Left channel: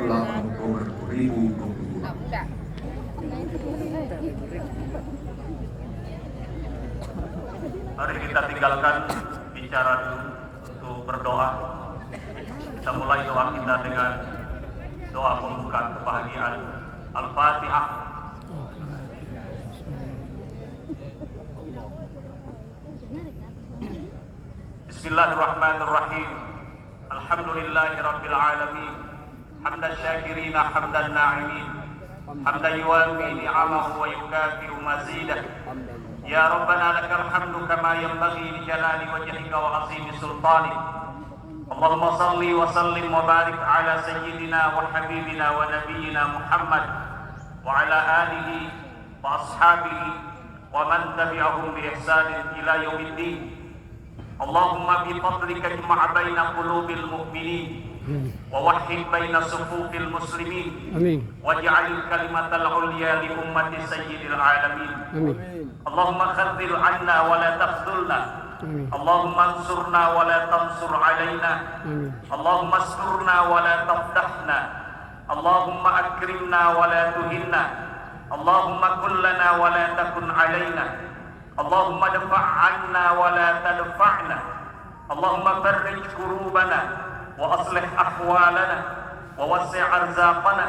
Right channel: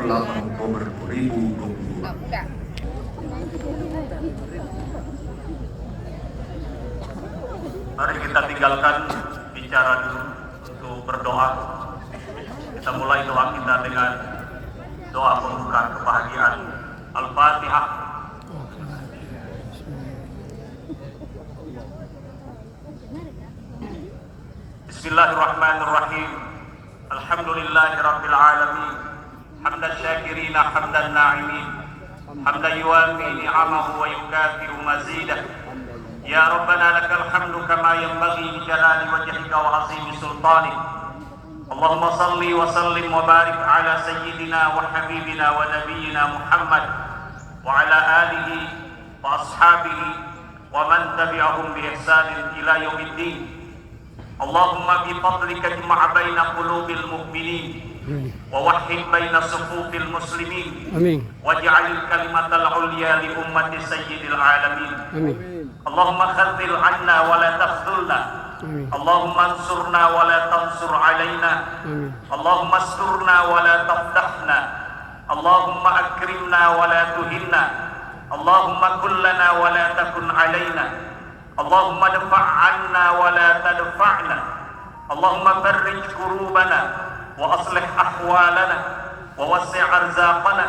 8 Oktober 2022. Mari kita tinggalkan bicara dulu untuk berdoa. Kita mulai doa kita dengan doa pembukaan kebahagiaan. Al-Fatihah. Bismillahirrahmanirrahim. Alhamdulillahirabbil alamin. Hamdan syakirina hamdan na'imin. Hamdan yuwafi ni'amahu wa yukafi'u mazidah. Ya Rabbana lakal hamdu kama yanbaghi li jalali wajhika wa 'azimi sultanik. Allahumma salli wa sallim wa barik ala sayyidina wa habibina wa nabiyyina Muhammad wa ala alihi wa ashabihi wa man tabi'ahum bi ihsanin ila yaumiddin. Allahumma bi fadlika ijma' baina qulubil mu'minin wa wahhid baina sufufil muslimin. Amin. Waj'al kalimatal 'ulya li ummati sayyidil alamin. Amin. Allahumma khadhil 'anna wa la takhdhulna. Amin. Allahumma ansurna wa la tansur 'alaina. Amin. Allahumma asturna wa la tafdahna. Allahumma akrimna wa la tuhinna. Allahumma kun lana wa la takun 'alaina. Allahumma dfa' 'anna wa la tadfa'na. Allahumma farrij kurubana wa aslih ahwalana wa wassi' arzaqana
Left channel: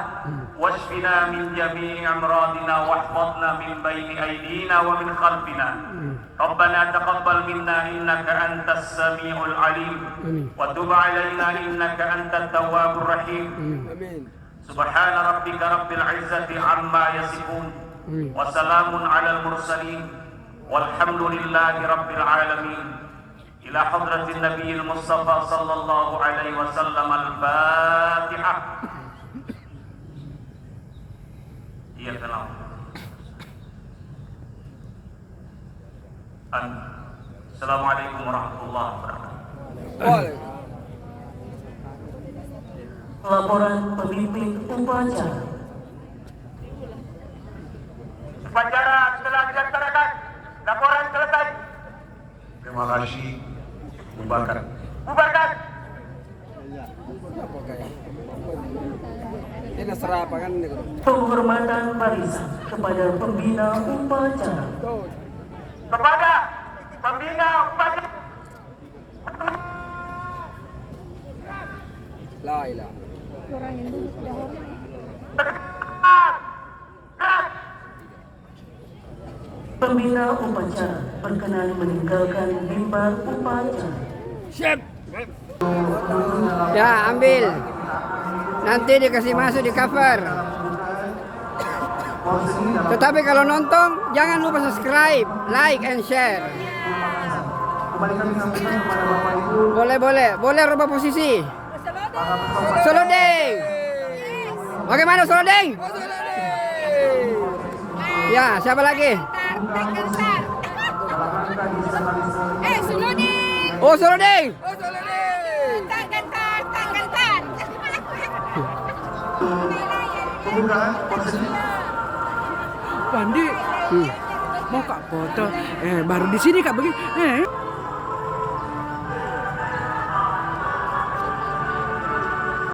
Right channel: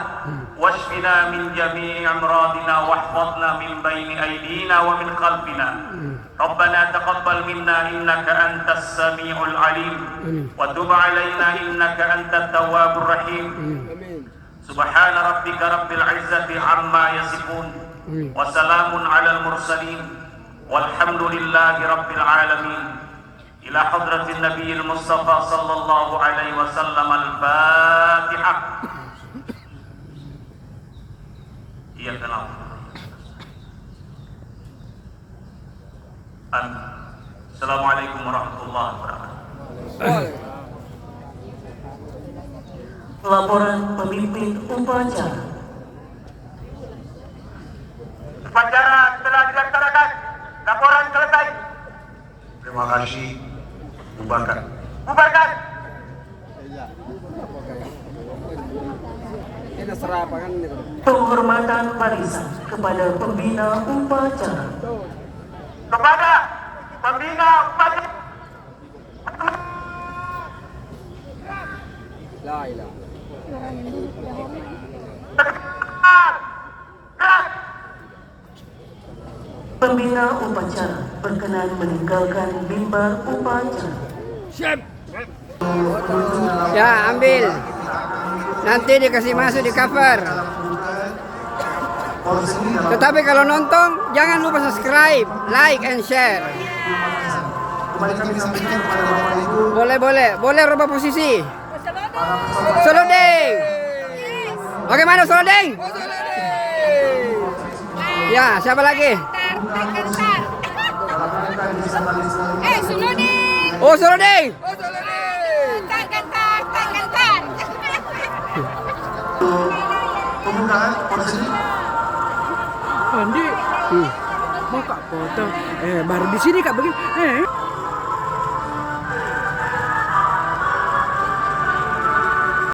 washfina min jami'i amradina wahfadna min bayni aydina wa min khalfina. Rabbana taqabbal minna innaka antas sami'ul alim wa tub 'alaina innaka antat tawwabur rahim. Subhana rabbika rabbil 'izzati 'amma yasifun wa salamun 'alal mursalin walhamdulillahi rabbil alamin. Ila hadratin nabiyil mustafa sallallahu alaihi wasallam. Al-Fatihah. Iya kenal. Assalamualaikum warahmatullahi wabarakatuh. Laporan pemimpin upacara. Upacara telah dilaksanakan. Laporan selesai. Terima kasih. Bubarkan. Bubarkan. Penghormatan barisan kepada pembina upacara. Kepada pembina upacara. Pembina upacara berkenan meninggalkan mimbar upacara. Ya, ambil. Nanti dikasih masuk di cover. Tetapi kalau nonton, jangan lupa subscribe, like, and share. Kembali kami sampaikan kepada Bapak Ibu. Boleh rubah posisi. Solodeng. Bagaimana Solodeng? Ya, siapa lagi? Solodeng. Oh, Solodeng. Pembukaan prosesi. Andi, mau kak foto. Baru di sini kak begini.